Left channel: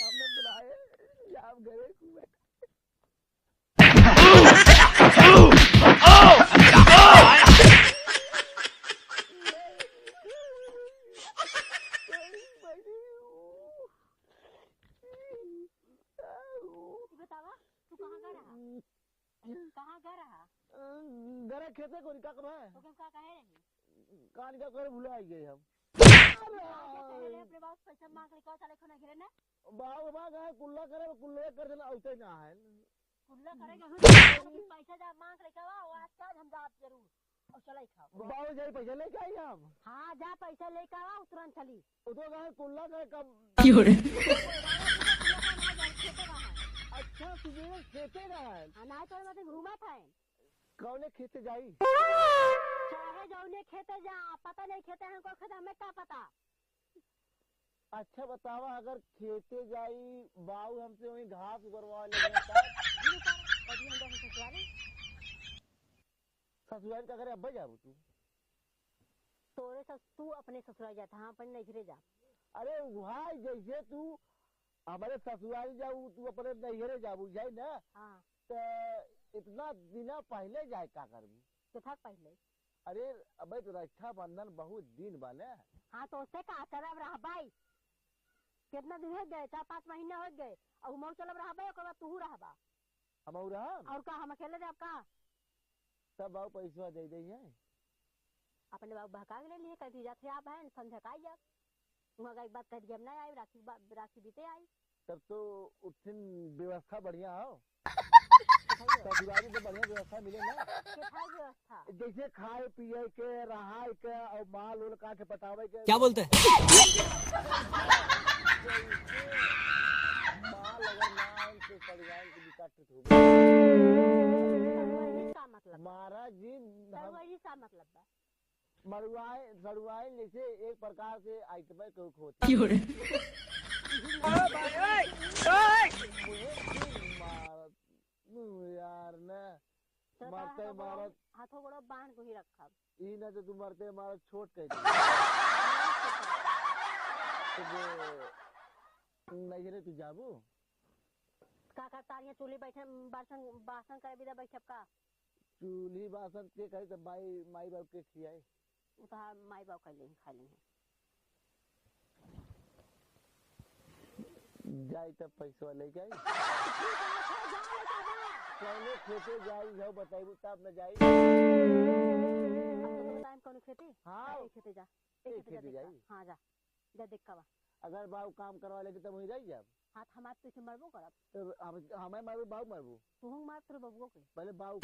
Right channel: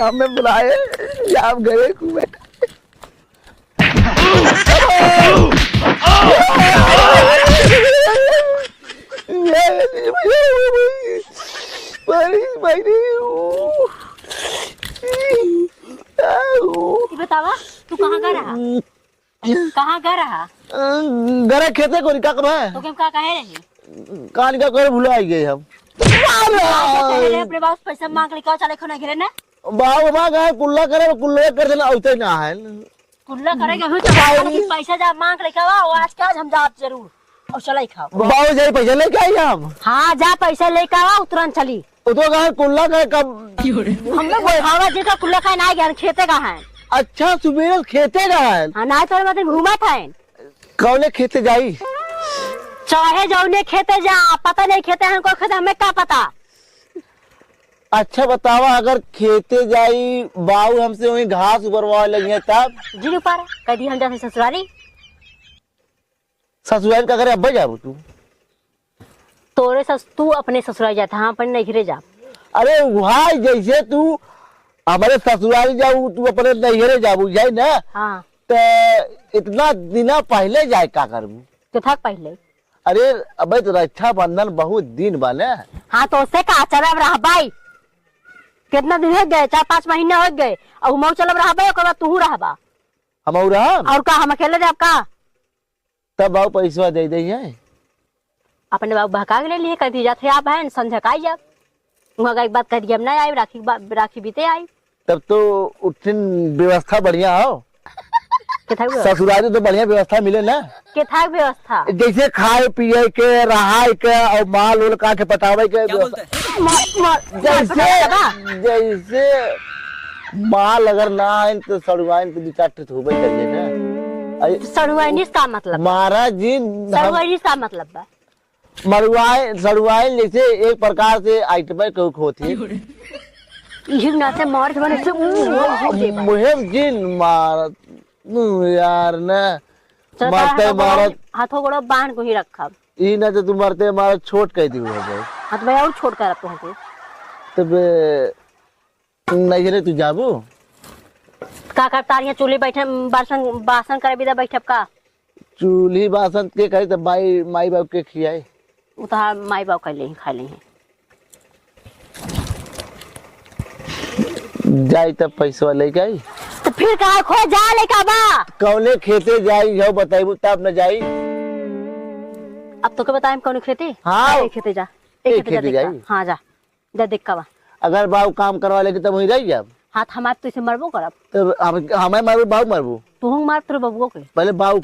हमें बुलाए या आप गए कुएं बतावा तू कहाँ गया रहा? कहाँ गया रहा? गरे खेते को निका कब तो क्या कहे रही? कहाँ निका कर भूला आई गए हम अपने पास पैसा मांग लेकर चले खाना घेरे ना बाबू माँ गए कुल्ला करे कुल्ला कर देना उसे ना है कुल्ला करेगा हो तो पैसा जा मांग लेकर आओ आज के आज हम जा जरूर और चले खाओ बाबू जाए पैसा लेके आई हम हाँ जा पैसा लेकर आओ तुरंत चली तो गए कुल्ला करे कब हम लोग भावा जी का कुल्ला का ना गया खेते का है अच्छा सुबह खेते का है हाँ ना तो मतलब घूमा था कौने खेते जाई चाहे जाओ खेते जा पता नहीं खेते हैं को खेते हमें क्या पता अच्छा बतावा अगर खेते जाई बाऊ हमसे वही घास उबरवा लगी तब जी ऊपर कह दी हम जैसे ससुराली ससुराल का करे अब्बा जाबू तू तोरे तू अपने ससुराल जाता हाँ पर नहीं घिरे जा अरे भाई जैसे तू हमारे ससुराल जाऊ तू अपने नैहरे जाबू जाए ना हाँ तो इतना दिना पहले जाए का करबू तो था पहले अरे अबे तो रक्षाबंधन बहुत दिन बने हाँ तो उससे का चलब रहा भाई कितना दिन हो गए 4-5 महीने हो गए और मऊ चलब रहा भाई और तू रहबा हम और का हम अकेले जाब का तब बाबू पैसा दे दे अपने बाबू बहका ले लिए कह दी जाते आप है संझकाई जाब वहाँ एक बात कह दी हम नहीं आई राखी बीते आई तब तो उठिन व्यवस्था बढ़िया हो ससुराल तो बढ़िया व्यवस्था मिले ना के था व्यवस्था जैसे खाए पिए के रहाय के और माल उल का के पटावे के क्या बोलते हैं जैसे माल अगर ना आए तो सड़ुआइन तो 2-4 ठो होबे करे ना सड़ुआइनिस का मतलब महाराज जी सड़ुआइनिस का मतलब बा सड़ुआइन जैसे एक प्रकार से आइटम के होती ना से मार के बने मुहिम जिन मार यार ना मरते मारत हाथों गोड़ो बांध को ही रखा ई ना तो तुम मरते मारत छोट कह दी हाथ में और छोड़ कर रखते हैं तब नहीं रे तू जाबू का करता रही चूल्हे बैठे बासन करे बिदा बैठब का चूल्ही बासन के करे तब माई बाप के खियाए वो तो माई बाप कर ले खा ले जाई तब पैसा लेके आई तो फिर कहा खो जा लेका बा कौने खेते जाई जाओ बताइबू तब न जाई अब तो के बताएं कौन खेते हाँ एक खेते जा एक खेते जाई हाँ जा देख का बा अगर बाबू काम करवा लेके तब वही रह जाब हाथ हमारे तो इसे मरबो करब तो हमें मारू बाबू मरबू तू मार तेरे बबुओ के पहले बाबू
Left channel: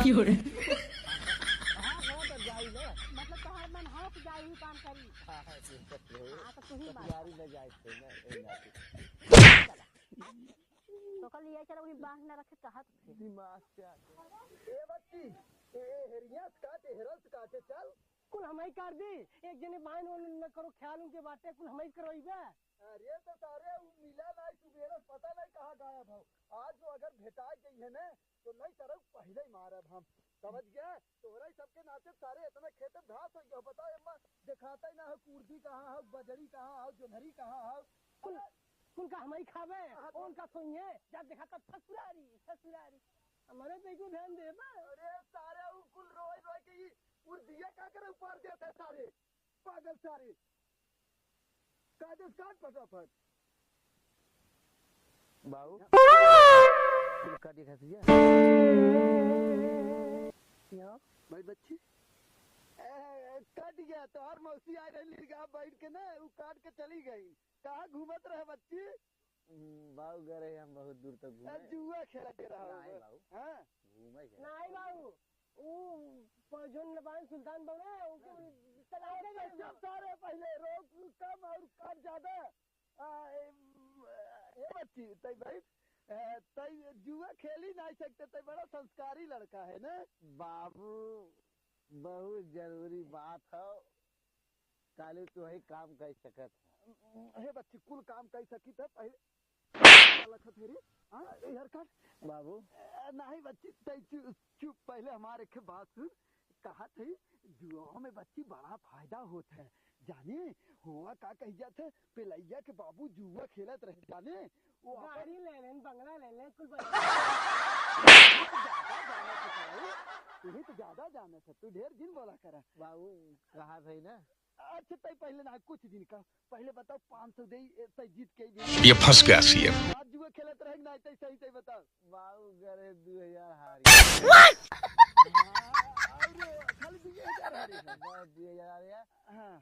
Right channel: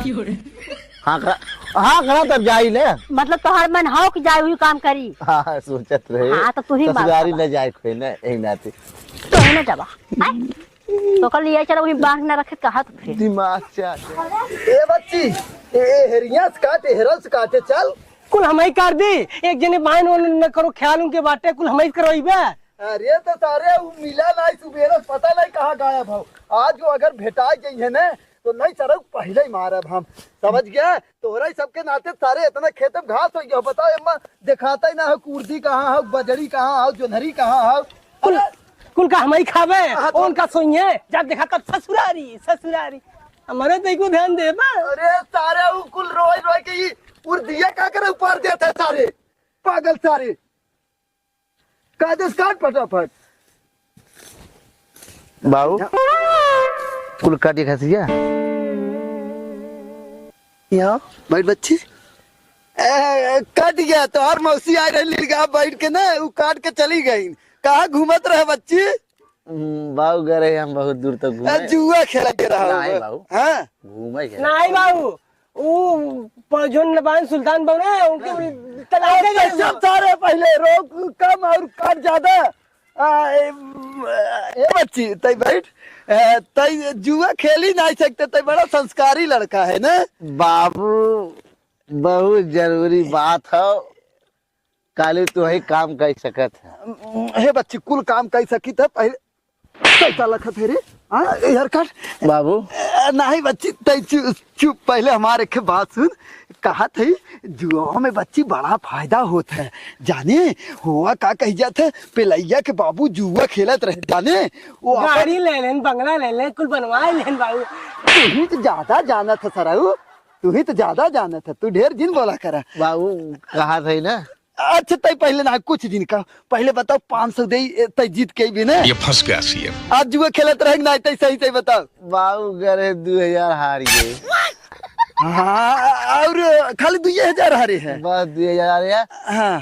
हाँ करा तब जाई ले मतलब तोहर मन हाउ कि जाए हुई काम करी हाँ सोचत रहे हाँ तो तू ही मार ससुरारी न जाए कोई ना एक नाते तो न जाबा तो कल ये चला वही बांध ना रखे कहा तो फिर दिमाग से ए बच्ची ए हेरिया काटे हेरस काटे चल कुल हमारी कर दी एक जने बाइन न करो ख्याल उनके बाटे कुल हमारी करवाइबे अरे तो सारे मिला नहीं सुबेरे पता नहीं कहाँ गायब हो आज जो अगर भेटा गई है ना तो नहीं सर पहले ही मारब हम समझ गया तोरा सबके नाते सारे इतना खेत में घास हो गया बताओ एम्मा दिखाता ही ना हो कुर्दी कहाँ हो बजरी कहाँ हो जोनहरी कहाँ हो कुल का हमारी खावे उनका सोइए जब देखा तब ससुरारी हमारे तो को ध्यान दे बा अरे सारे कुल रोई रोई के ये उर्दिया का करे ऊपर देते सारे पागल सारे कागज काट फटाफट बाबू कुल काटी खसिया यहाँ बैठ बच्ची कट गया तो हर मौसी आ रही बैठ के ना वो काट के चली गई कहाँ घूमत रहे बच्ची बाबू गए हम बहुत दूर तक घूमे जुआ खेला के रहा नहीं बाबू हाँ घूमे नहीं बाबू वो जोन नबान सुल्तान बने उनके तलाक सब सारे पहले रोक कम और काट ज्यादा ए बच्ची तई बैठ तई जुआ खेल ही नहीं सकते तई बड़ा संस्कारी लड़का है ना बाबू बहुत जरूरी बात है काले तो ही काम कर सकत है हे बच्ची कुल काम कर सकी था पहले कैसा लखत है रे हाँ यार कट बाबू नहीं बच्ची तै चुप पहले हमारे के बात सुन। कहा थी जुआ में बच्ची बड़ा फायदा होता है जाने हुआ का कही जाते पिलैया के बाबू जुआ खेलत रहे जाने वो गाड़ी ले लेन, बंगला ले लेन, कुल बनवा लेन बाबू। तू ही तो ज्यादा जाना था सराऊ, तू ही तो ज्यादा जाना था, तू ढेर दिन बोला करा। बाबू कहा था ना। अच्छा तय पहले ना कुछ दिन का पहले बताओ 500 दे तय जीत के भी ना ये फंस गया सीएम। आज जुआ खेलत रहे ना तय सही सही बताओ। बाबू करे 2000 हारी गए। हाँ और खाली 2000 हारे है बस 2000 है। हाँ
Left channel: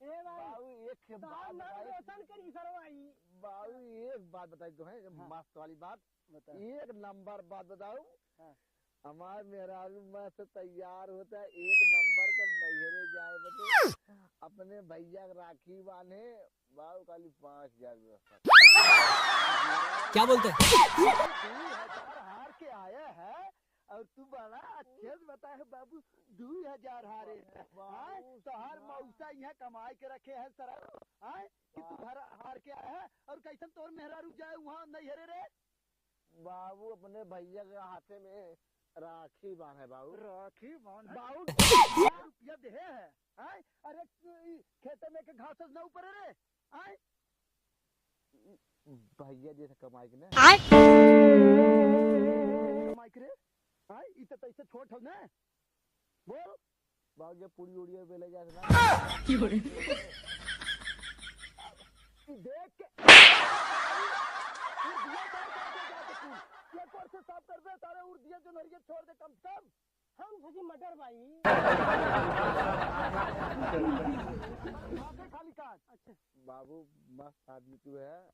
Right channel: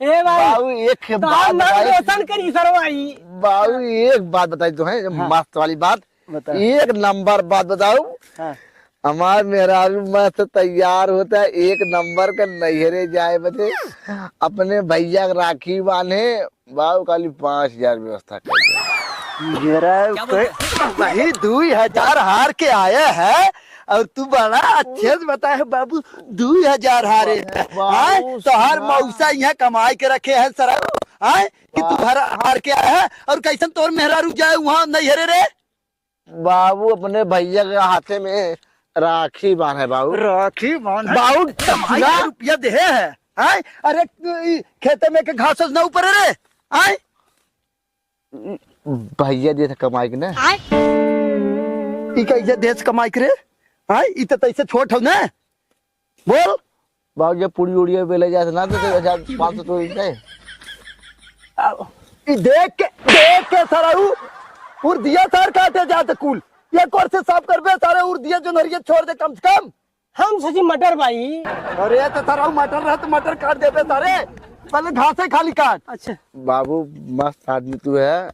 ए भाई बाबू एक तो बात हम नाम बताई। रोशन करी सरवाई। बाबू एक बात बताई तो है मस्त वाली बात। बता। एक नंबर बात बताऊ। हाँ। हमार मेहरारू मस्त तैयार होता है, एक नंबर का नैहरे जाए बदे अपने भैया के राखी बांधे। बाबू खाली 5000 व्यवस्था कर। वही 2000 हार के आया है और तू बड़ा अच्छे से बताए बाबू 2000 हारे हाँ तो हर मौसा यहाँ कमाई के रखे है सर हाँ कि तू हार के आया है और कैसन तोर मेहरारू जाए वहाँ नैहरे रे। बाबू अपने भैया के हाथे में राखी बांधे बाबू। राखी मान बाबू 1000 रुपया दे है हाँ? अरे खेते में के घास ना ऊपर रे हाँ? भैया दे थे कमाई के ना। ई कैसे देश कमाई करे हाँ ई तो तैसे छोट हो ना बोल। बाबू जब पूरी उड़िया पे ले जाते ना तो 2500 तो इनके। ई देख के सराऊ उड़ दिया सर काटे जाते कुल एक और से साफ कर बे सारे उड़ दिया जो नरिया छोड़ दे कम से कम। हम सोची मटर भाई। अरे तो सराऊ मटर रहा तो मटर काट देते सारे पहले घास है खाली काट। अच्छा बाबू मस्त आदमी तू है,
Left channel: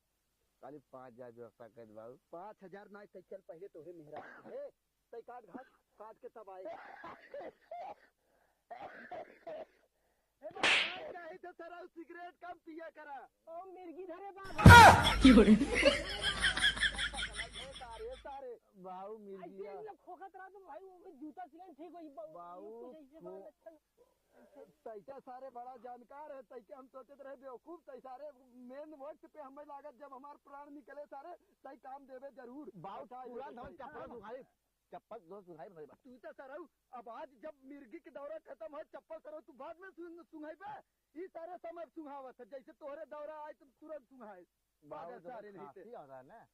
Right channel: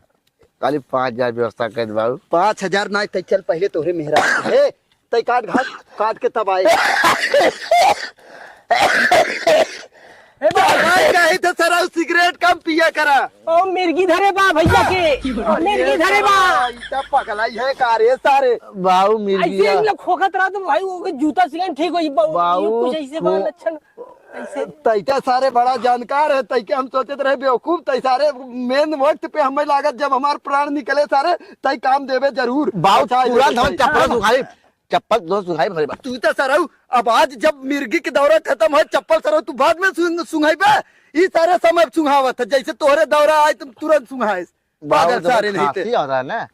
खाली 5000 व्यवस्था कर दे बाबू। 5000 ना तय चल पहले तोरे मेहरा है तय काट घास काट के तब आए। ए भाई कहे तो सराऊ सिगरेट कम पिया करा। ओ मिर्गी धरे बा भैया के मिर्गी धरे बा। ऐसा पगलाई है कारे सारे बाबू ऐसे मिर्गिया इन लोग खोखत रहा तो भाई वो जूता सिलन ठीक हो बाबू, कुछ ऐसे बा लक्षण ऐसे। तैका सारे बड़ा जानकार है तैके हम सोचते रहे बेवकूफ तै सारे मेन वक्त पे हमें लागत जब हमारे प्राण निकले सारे तय काम देवे जरूर। बाबू अच्छा, पूरा ये धमन चप्पल सुखाई चप्पल दो सुखाई भरी बात। तू तो सराऊ अब आज जब मिर्गी की दौरा खत्म हो चप्पल सराऊ तू बाद में सुंघाई बे ये सारे समय सुंघावत है जैसे तोहरे दौरा आए तुम तुरंत सुंघाए पागल सारे नहीं थे। होता है ना।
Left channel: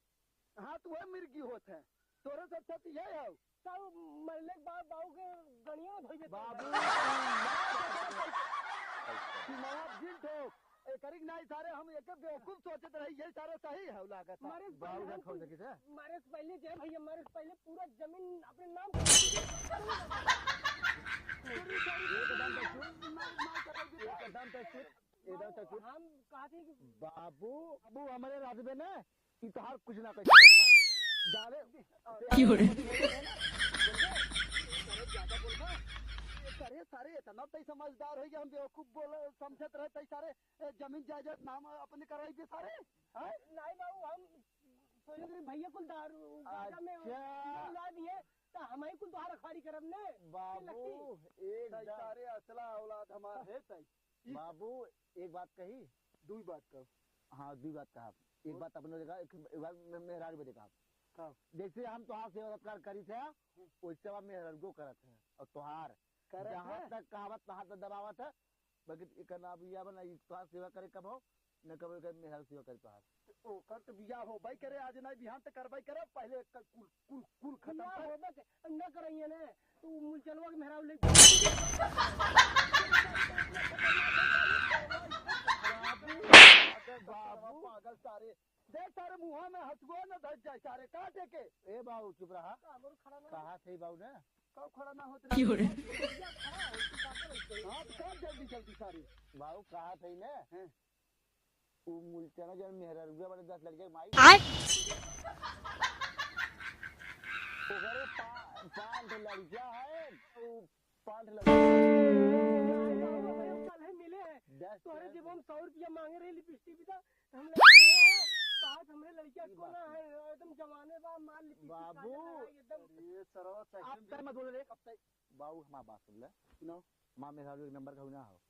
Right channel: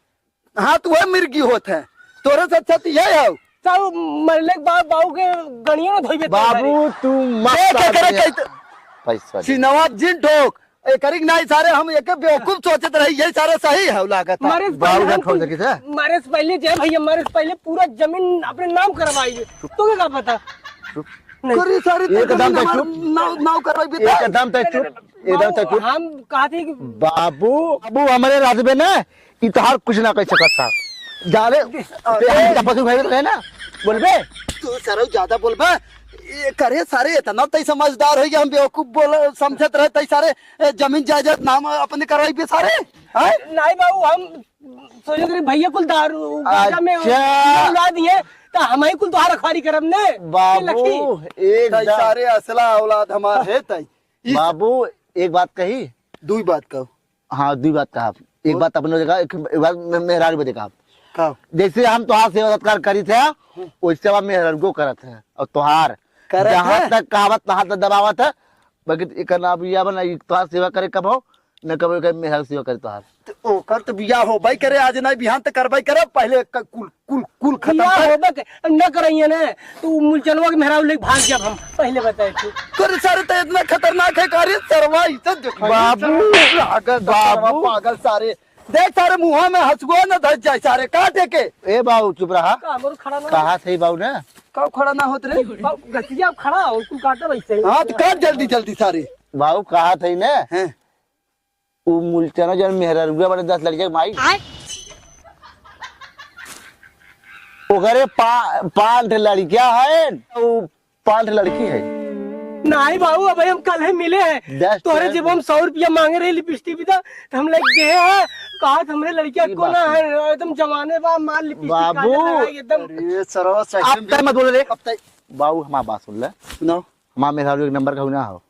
हाँ तू वह मिर्गी होत है तोरे से अच्छा तो यही है। सब मरले के बाद बाबू के गणियों में धोई बाबू तू मस्त आदमी है। पैसा दे। सिनवा जिन ठोक करीक नहीं सारे हम एक बेवकूफ सोचत रही यही सारे सही है लागत है। मारे से बाबू पहले का हम ठोक सके थे। मारे से पहले जय भैया मारे से पहले पूरा जमीन अपने नाम करवाइए तुम्हें क्या पता। करी सारी एकदम तो चुप। नाव करवाई भी एकदम तो चुप एकदम तो चुप। हम कहा थे कि बाबू बाबू हमारे रात में ना इतहार कुछ ना कर सकता था जाले चप्पल सुखाई तो है ना बोलबे। तू सर ज्यादा बोलबे ये करे सारे इतना तय समझदार है कि हम बेवकूफ बोल समझत रहे तय सारे जमीन जायदाद नाम अपने करवाई भी सारे हैं? नहीं बाबू हम सोचे थे भैया कुल दारू गाजा में अच्छा। उड़ा दिए तो हम ही कुल तुम्हारा रखवारी करब ने बाबू तय एक सारे असला औलाद हमार है तय बाबू एक बात कही। दुई बात कहो। हाँ दुई बात कहा। एक बात अपने जगह एक बात मेहरार भी देखा। कहो जैसे हम तुहार सेवा सत्कार करी थे वैसे हम मेहरार को करत है और तुहार करत जहाँ है? तक कहावत तहाँ तक दबावत है बाकी एक ना बिया बना तुहार सेवा करे कब हो न कब मेहरार सेवा करे तुहार। तो ओकर तो बियाह हो भाई करे आज नहीं बिहान तक करवाई करे पहले कुल कुल कुल खत्म खिया कर। होबे न करइए ने तो मुलचनवा के मेहराब लेके भाग जब हम पहले बताए थे। कर सारे तो इतना खतरनाक है कार्य सरवा इज्जत दिखाई। बाबू, पागल बाबू। पागल सारे देख सारे मुंह में हंसुआ न धस जाए सारे काटे के। ए बाबू चुप रहा। कामर खड़ा ना कहा सही बाबू ने कब खड़ा ना होत रे। गतिया खड़ा हो तू काटे वैसे हाँ तो काट जल्दी जल्दी सारे बाबू कहा थी ने हैं। वो मुलचना जन मेहरार बड़े 10 लड़के माई ओकरे 5 लड़कियां है वो 5 लड़की है। नहीं बाबू अब हम कल ही मिले हैं दस तोरे टन। जब हम 100 रुपया मांगे रहे लिपस्टिक भी था तो हम लग गए हैं कहा हमरे लड़किया ये को बात ना है एकदम जमाने बा माल लिपस्टिक बाबू। एकदम अरे सरवा आप सेकंड तय मत बोल रे अब तक बाबू हमारी बात सुन ले। सुनाओ। हमारा मेहरारू एक नंबर का ना हो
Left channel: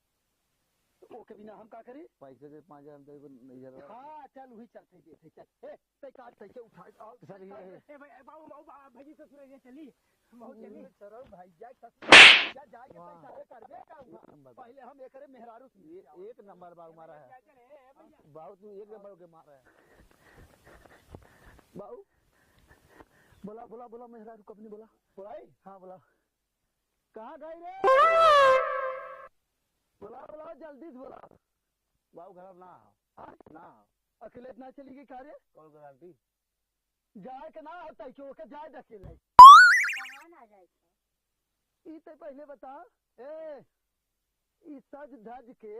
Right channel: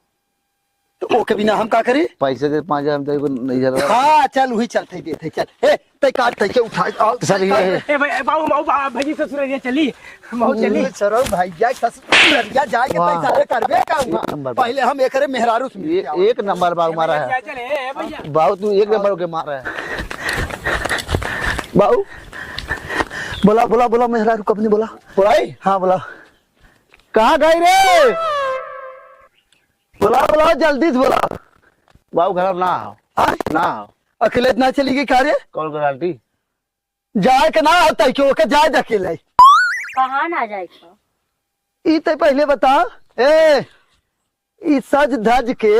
तो ओके बिना हम का करी? पैसे दे 5,000 हम तेरे को नहीं जा रहा। हाँ चल वही चलते देते चल। ए ते काट ते के उठा आओ सर ये ए भाई बाबू माऊ भाजी ससुरारिया चली माऊ चली सरो भैया ससुरारिया जाए के वाह। सारे करबे का नंबर। पहले हम एकरे मेहरारू से मिल के एक नंबर बाबू मारा है। चले ए भैया बाबू तू एक नंबर के मारा है। बाऊ बोला बोला बोला मेहरारू कब बोला? बोलाई हाँ बोला कहाँ गई रे? बोला बोला जल्दी से बोला। बाबू घर ना आओ हाँ? ना आओ। अकेले ना चली गई कार्य कॉल कर आंटी। जाए के ना होता क्यों के जाए अकेले? कहाँ ना जाएगा? ई ते पहले बता ए ई सज धज के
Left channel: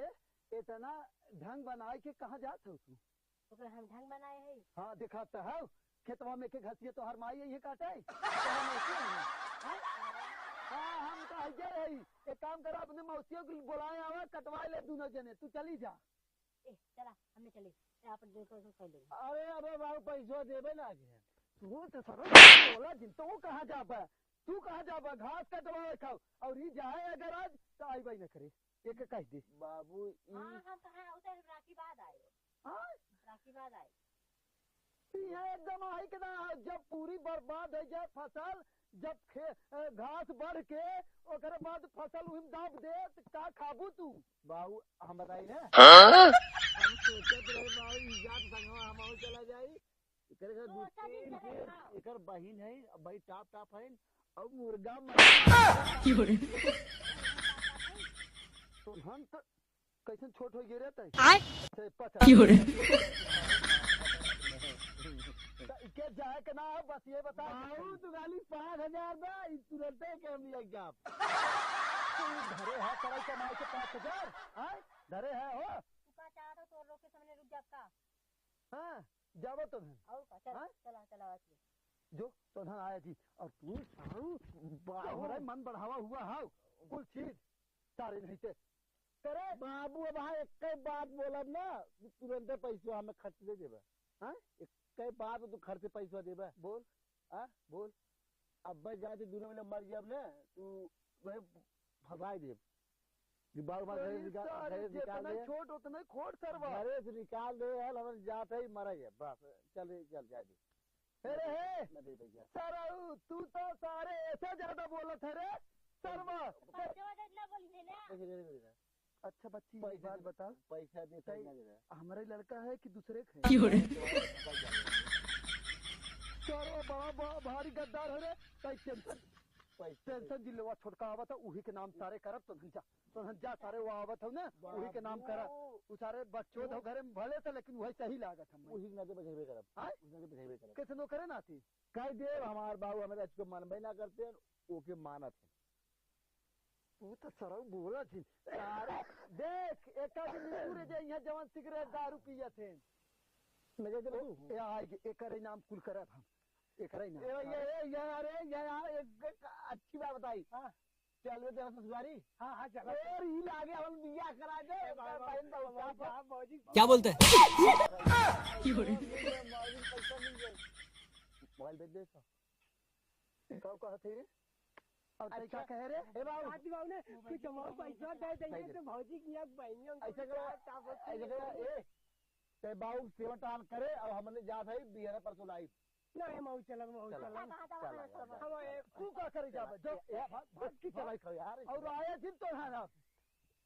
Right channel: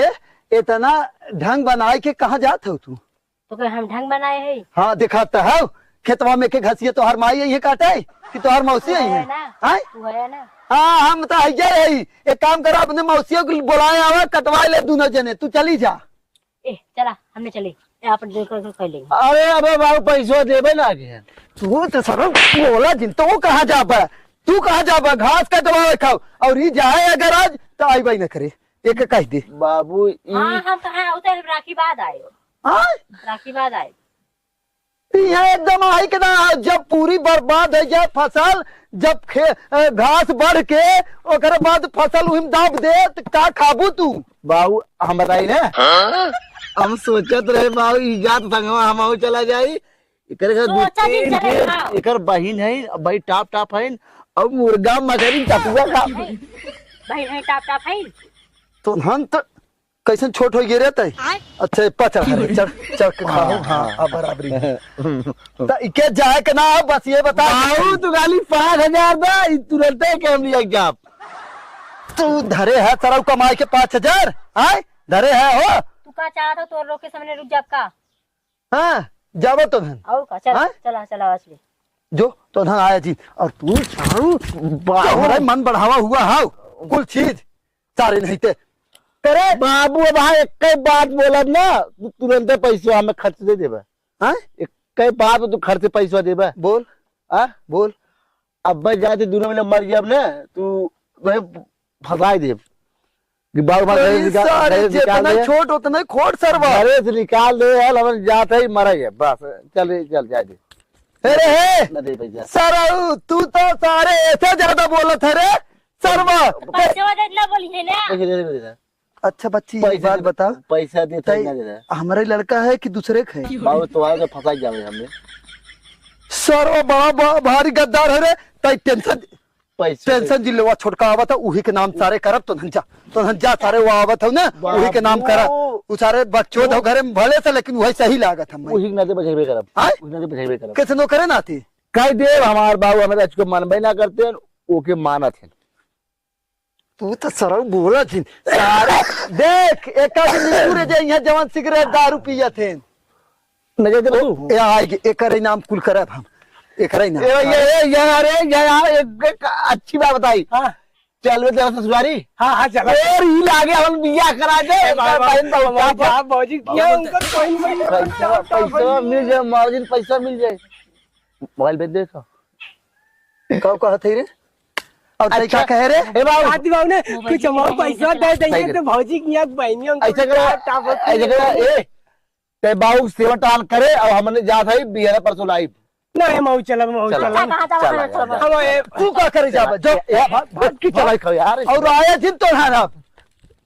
इतना ढंग बनाए के कहाँ जात हो तू? तो क्या हम ढंग बनाए है? हाँ दिखाता है खेतवा में के घसिए तो हर माई ये काटे कि तो हर मौसी है है ना? हाँ? तू है ना? हाँ हम तो है एक काम करो अपने मौसियों को बुलाए आवा कटवा ले दोनों जने तू चली जा। ए चला हमने चले अपन देख कर कर लेंगे। अरे अबे बाबू पैसा देबे ना के। तू तो सर बोला जिन तो कहाँ जाबा? तू कहाँ जाबा? घास कटवा खाओ और ये जाए अगर आज तो आई बाई न करे एक कह दे। बाबू हाँ हम कहाँ उतर राखी बाद आए। हाँ राखी बाद आए। यहाँ एकदम आई के ना जब पूरी बर्बाद हो जाए फसल जब घास बढ़ के ओकर बाद फसल उहिम दाब दे तो का खाबू तू? बाबू हम बताई ना हम सोचत रहे बाबू इजात संगवा हम चला जाई। एकर घर दू सोचा जी तीन चले के खाओ। एकर बहिन है भाई टाप टाप है और मुर्गा मगरी कटुआ खा। भाई भाई टाप टाप है। तो हम तो कैसन छोट हो गए रहते? अच्छा पचा चल चल के खाओ। हाँ अब बराबरी तो इके जाए के ना बस ये बता बाबू तू खाली 5,000 दा तुरंत के हम लिया जाप। तू धरे है सरव कमाई के 5,000 हाँ धरे है हो? तू का चाहता तो रोक के सामने रुक जा का? हाँ जाबो तो धन और का चला हाँ? चला चला असली जो तो धन आया जी और तू हमारा मन बढ़ावा हुआ हाउ कुल चीज सारे नहीं थे करे। बाबू अब हाँ एक बात बोला ना तू तुरंत पैसा हमें खर्च दे देबा। हाँ एक बात तू खर्च पैसा देबा। बोल हाँ बोल अब भाई जाते दोनों में मर जाब ना तू वही फंसाई दे कि बाबू सारे जितना छोट उतना खोट सरवा। घरे से निकाल दे यार हम जाते ही मर गए बस चल जा दे। अरे हे ना दे पैसा सरऊ तू तो सारे ऐसे ज्यादा बोलत है रे सरवा। पैसे वाले ना बोली है ना? पैसे दे दे अच्छा बच्ची एक पैसा बात बता पैसा दे तो ना दे रहा हमारा लड़का है कि दूसरे का है? बाबू तुम्हारे तो फंसाई जावे हमने सरवा बड़ा भारी गद्दार है रे तई टेंशन पैसा टेंशन जिले छोटका आवत है उही के नाम सारे करब तो धन जा सारे वो आवत हो ना उही के नाम करा उ सारे बच्चों तो घरे में भले से लेकिन वही सही लागत हम उही ना दे बचेबे करब हाँ? उही ना दे बचेबे करब कैसे नो करे ना थी कह दे हमार बाबू हमें अच्छे मनबे ना करते हैं ओके मानत है। तू तो सरव बोला थी सारे देख एक पूरे जे यहाँ जवान सिगरेट दारू पिया थे नजर दे तू ए आएगी एक नाम कुल करब हम एक नाम ये एक अच्छी बात बताई। हाँ चल वे तेरा ससुरारी हाँ हाँ चला और ही लागे हम बियाह करा दे बहन क्या बाबूजी क्या उनका पैसा मिल जाए मार्जिन पैसा मिल जाए मोबाइल भेज दे तो कब कहा थे रे और तई क्या कह रे? ए बाबू आदि बाबू ने कुछ अमाउंट पैसा दे देंगे तो भौजी की यहाँ बहनियों ऐसे करा ए ते बाबू सेवा टाल करे और हमने जा था बिहार परसों लाइव नहीं माऊ चला माऊ चला। चला कहाँ जावा चला हम ये तू क्या करे जा जो भाग की चलाई खाओ यार और आया जिन तो है ना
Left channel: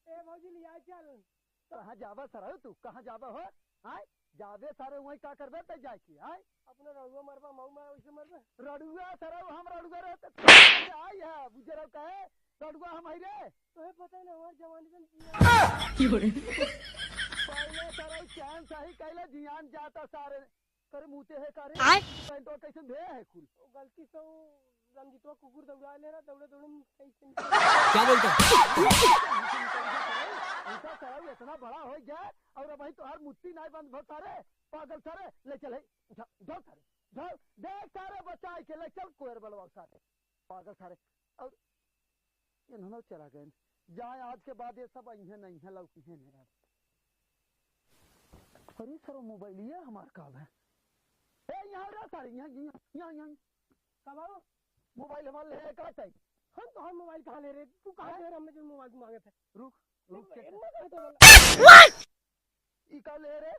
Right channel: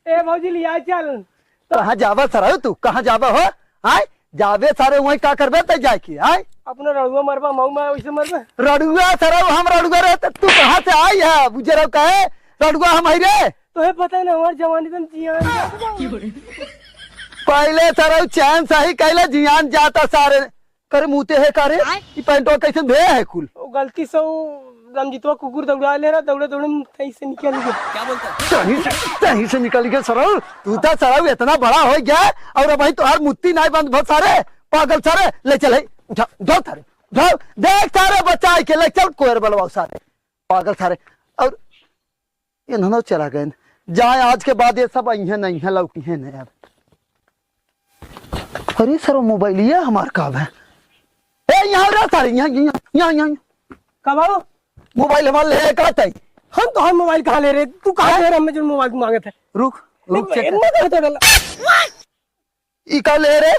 ए भौजी लिया चल कहाँ जावा सर तू कहाँ जावा हो? हाय जावे सारे वही का करबे तय जाए की हाय अपना रड़ुआ मरबा माऊ मैं वैसे मरबा रड़ुआ सर हम रड़ुआ रहते तू कहाँ से आई है बुझे कहे रड़ुआ हम आई रे तो है पता है ना हमारे जवानी तुम जिया पहले सर चैन सही कहले जियान जाता सारे करे मुते है करे ई पैंटो कैसे भे है कुल गलती से रमजीतवा कुकुर दौड़ा ले रहा दौड़े दौड़े सही से निकल गया क्या बोलता सही से निकल गया सर तू तो सर इतना बड़ा हो गया और अब भाई तुम्हार मुत्ती नहीं बंद बहुत सारे पागल सारे ले चल उठा उठाओ सारे उठाओ देख सारे बच्चा के ले चल कोयर बलवाओ सारे पागल सारे और इन्होंने चला गए जाए आज के बाद ये सब अहिया नहीं है लौकी है नहीं अब। अरे सर मोबाइल ये हमार काम है ए यहाँ रहा सारे यहाँ कब आओ मोबाइल हमारे ले कहते हम तो हम मोबाइल कहाँ ले रहे तू कहाँ ले रहे हमें जो मोबाइल मांगे थे रुक रुक चेक इतना कहाँ तो डाला? ई का ले रे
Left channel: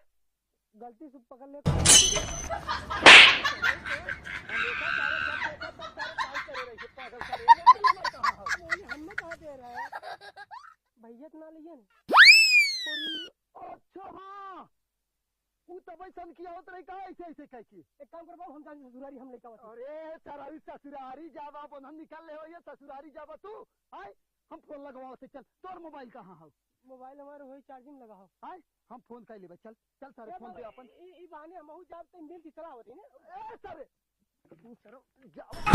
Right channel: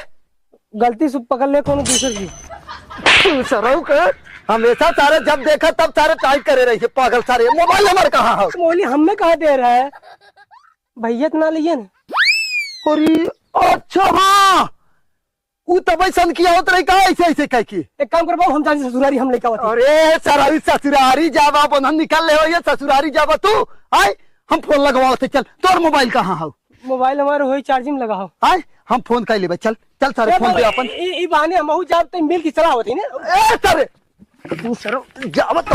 गलती से पकड़ ले कोनो दूसरे की। सरऊ के हमेशा सारे जब देखा तब सारे टाइट करे रही पागल सारे। मोबाइल नंबर कहाँ है? मोली हमें कहाँ दे रहा है? भैया तो ना लिए ना। अरे अच्छा हाँ ऊ तब सन किया होत रही का ऐसे ऐसे कह की। एक काम कर बाबू हम जाने ससुरारी हम लेके आवत। अरे सरारी ससुरारी जावा बंधन निकल ले हो ये ससुरारी जावा तू आय हम फोन लगवाओ थे। चल तोर मोबाइल कहाँ है? मोबाइल हमारे होई चार्जिंग लगा हो। आय हम फोन कर लेबे। चल चल सारे फोन पे अपन ई बहाने हम हूं जाते मिल की चला होती ना। ए सारे तू सरो जावा तो